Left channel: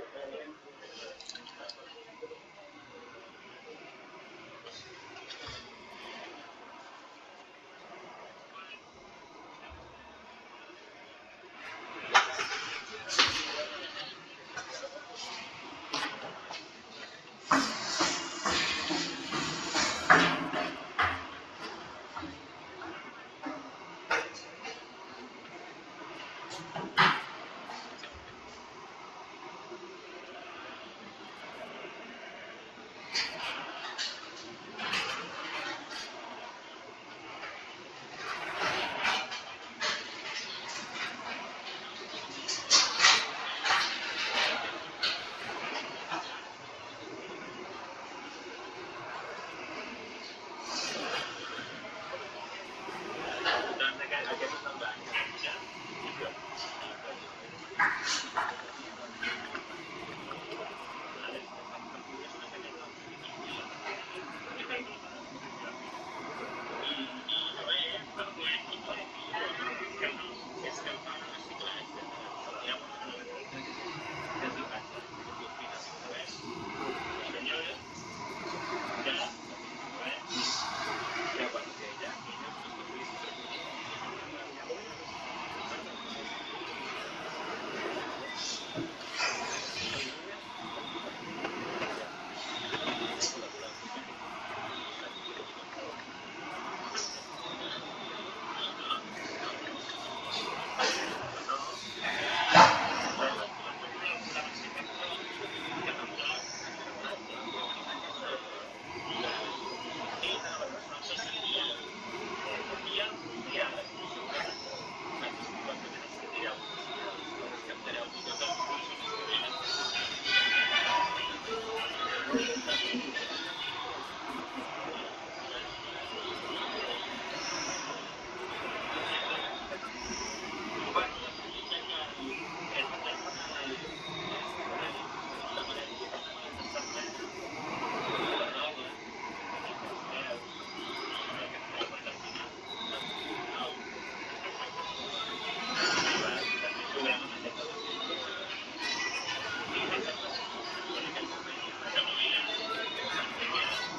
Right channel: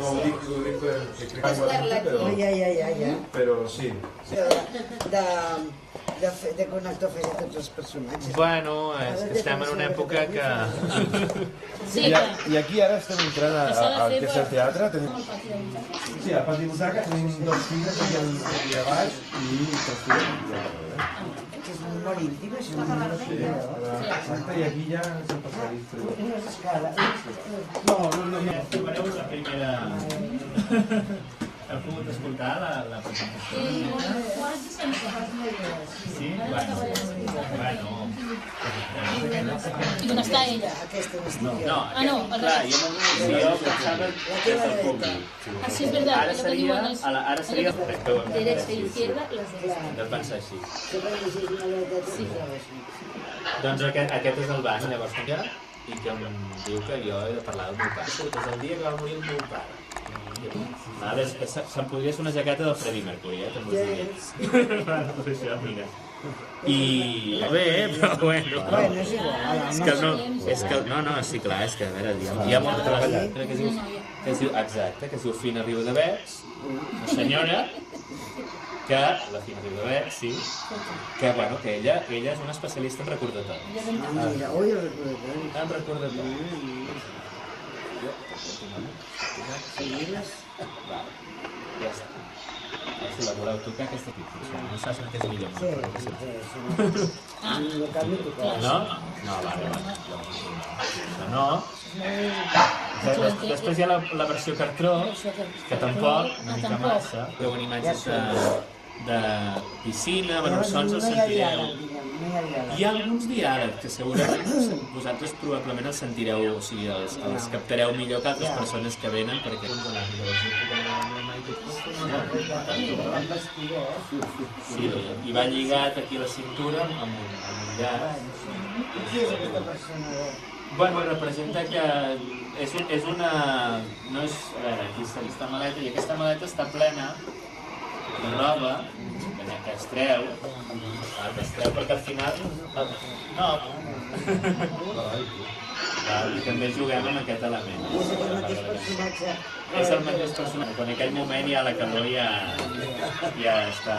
No, ho dic però sí. De connectar fer tots els personatges. Bueno, estem en una època que... I aquí ara estem entrant al que és el teatre. Sí, a part de butaca tenim dos filles aquí a baix i És molt íntim, és molt íntim. i aquí ja s'han passat. La primera... Heu pogut escoltar la presentació? Sí? Bueno. I on està ella? No, no, clar, jo pensava que era el públic. Sí, és veritat. Ara seria el rector. Derecha i izquierda, los dos. Que es van ser així. Doncs aquest és el bany, llavors que hi ha, i que em diu que jo he de parlar del meu pare, perquè és el dia que va morir el meu pare. Se'm podria fer una jaqueta del Freddie Mercury, també us dic. I bé, però bueno. És que no, sí, clar, és que a veure, hi ha molta vegada exacte, que es diu Fina Riudebergs, una senyora que, la Fina Riudebergs, sí, que bueno, que ella és una especialista en recordatori. En recordatori. No saps el que és millor. No? No. Després hi ha la versió cartró, que tampoc, una mica massa, però amb imatges de piscina, bueno, sons els sentireu. Hi ha alguns diàlegs que segurament vosaltres probablement els sentireu, o sigui, els captareu millor que altres persones que venen, perquè sí, i va lligat aquí a la cintura amb lligada. Bueno, representa que és una... no és aquesta maleta, i aquesta maleta està plena de roba que es treu, perquè al final... no, també juguem en aquest element. És el mateix personatge, però en aquell moment ja la calor ja està...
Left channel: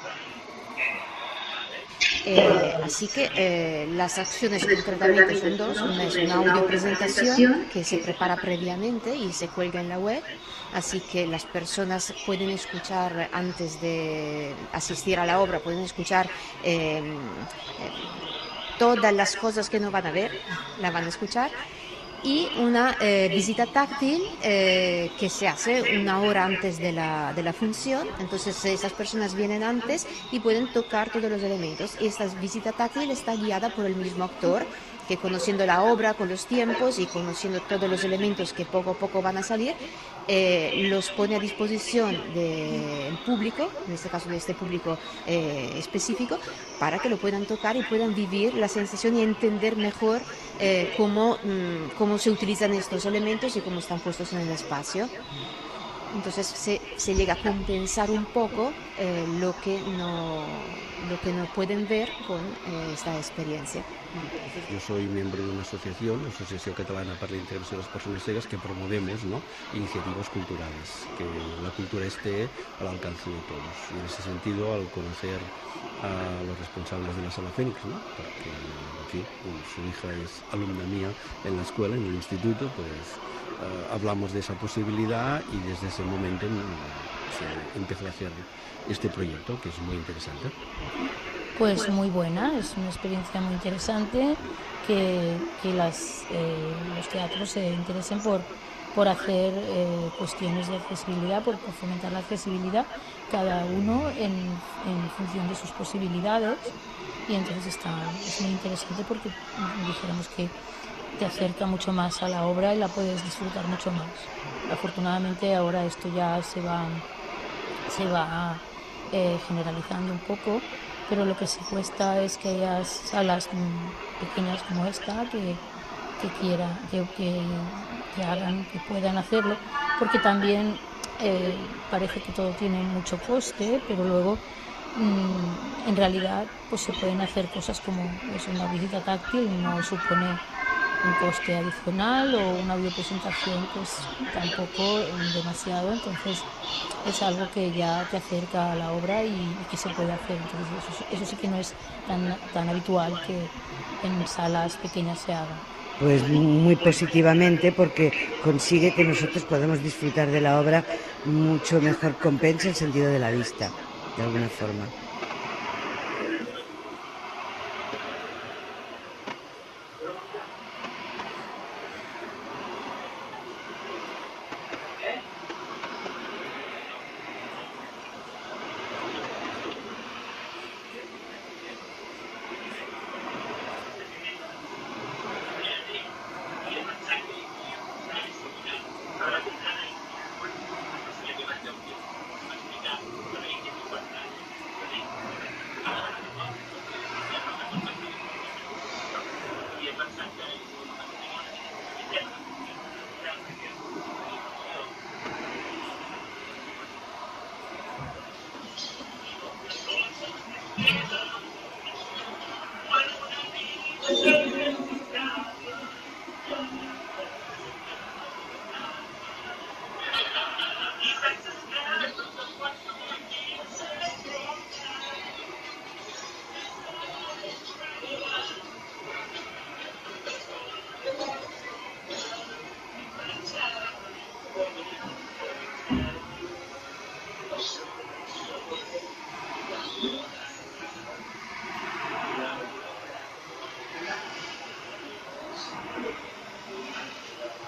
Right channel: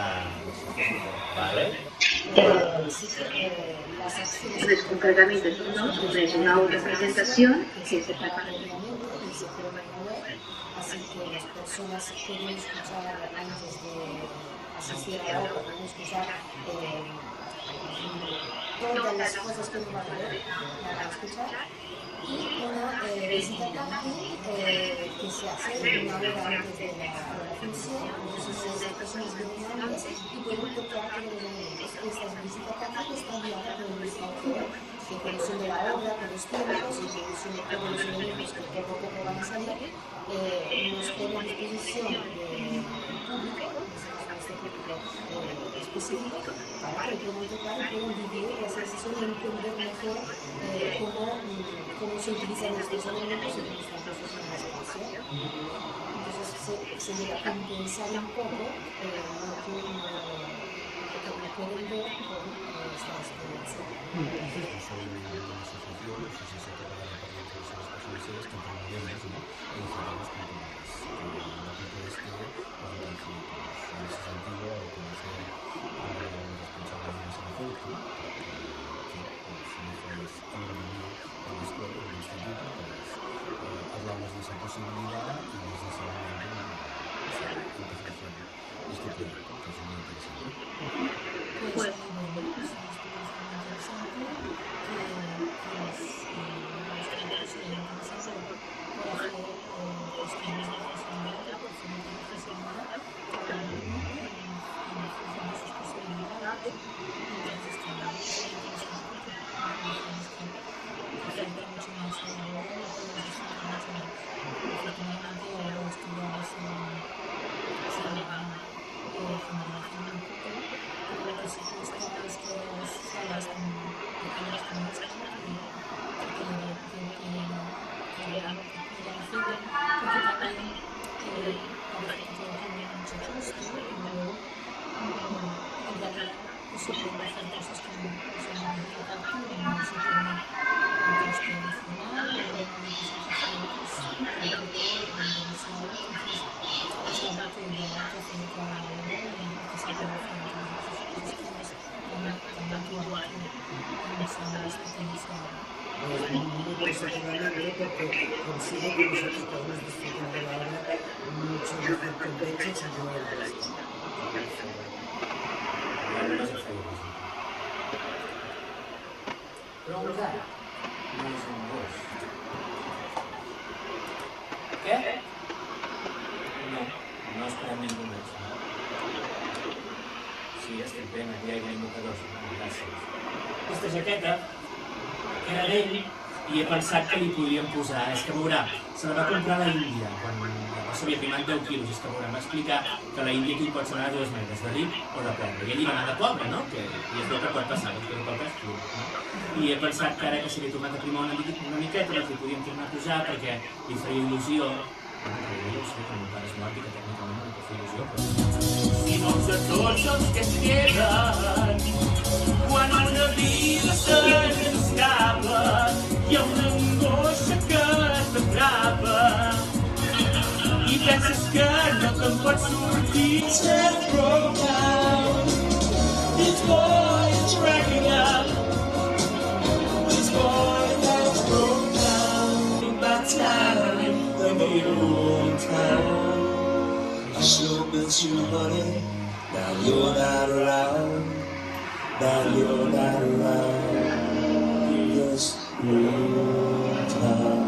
Así que las acciones del tratamiento son dos, es una audio-presentación que se prepara previamente y se cuelga en la web, así que las personas pueden escuchar antes de asistir a la obra, pueden escuchar todas las cosas que no van a ver, la van a escuchar, y una visita táctil que se hace una hora antes de la función. Entonces esas personas vienen antes y pueden tocar todos los elementos. Esta visita táctil está guiada por el mismo actor, que conociendo la obra con los tiempos y conociendo todos los elementos que poco a poco van a salir, los pone a disposición del público, en este caso de este público específico, para que lo puedan tocar y puedan vivir la sensación y entender mejor cómo se utilizan estos elementos y cómo están puestos en el espacio. Entonces se llega a compensar un poco lo que no pueden ver con esta experiencia. Yo soy miembro de una asociación, la Asociación Catalana para la Intervención de las Personas Ciegas, que promovemos iniciativas culturales, que la cultura esté al alcance de todos. En ese sentido, al conocer a los responsables de la sala Fénix, aquí su hija es alumna mía en la escuela, en el instituto, pues hablamos de esa posibilidad y desde ese momento se empezó a hacer este proyecto, que es muy interesante. Pues muy buena, es una experiencia muy interesante que los teatros se interesen por hacer cuestiones de accesibilidad, por fomentar la accesibilidad, cada uno en función de sus posibilidades, y entonces es muy interesante porque digamos que te acerca mucho más a la obra y la puedes disfrutar mucho más. Afortunadamente ahora esto ya se va generalizando un poco, pero lo que sí cuesta es que haya salas pequeñas como esta que hagan, que puedan hacerlo, porque también parece que todo tiene mucho coste, pero luego en realidad pues se pueden hacer cosas como una visita táctil, no supone un coste adicional o una videopresentación pues tampoco demasiado, entonces es algo que ya te acerca a la obra y que se puede hacer. Entonces, eso sí que no es tan habitual que en salas pequeñas se haga. Pues muy positivamente, porque consigue que nosotros podamos disfrutar de la obra mucho mejor, compensa el sentido de la vista, de alguna forma. I he pensat que li podíem posar, és que veurà, se la va comprar a l'Índia, no sabia que manca el quilos, és que m'ha explicat que a l'Índia aquí pot ser a 2 metres, va dir, o depèn, i ell li demana poca, no? Que és el que pot passar, i he pensat que ara que se li ha tornat a primar una miqueta, que podíem tornar a posar perquè li faria il·lusió. I doncs a tots els que es queden, quan en la vida s'escapa, hi ha una angoixa que t'atrapa i penses que no te'n pots sortir. It's more dragging up. It's more that's broken down. About time, I made a long time. I should have been too money. Now you're not around. Now you're not around. Just time.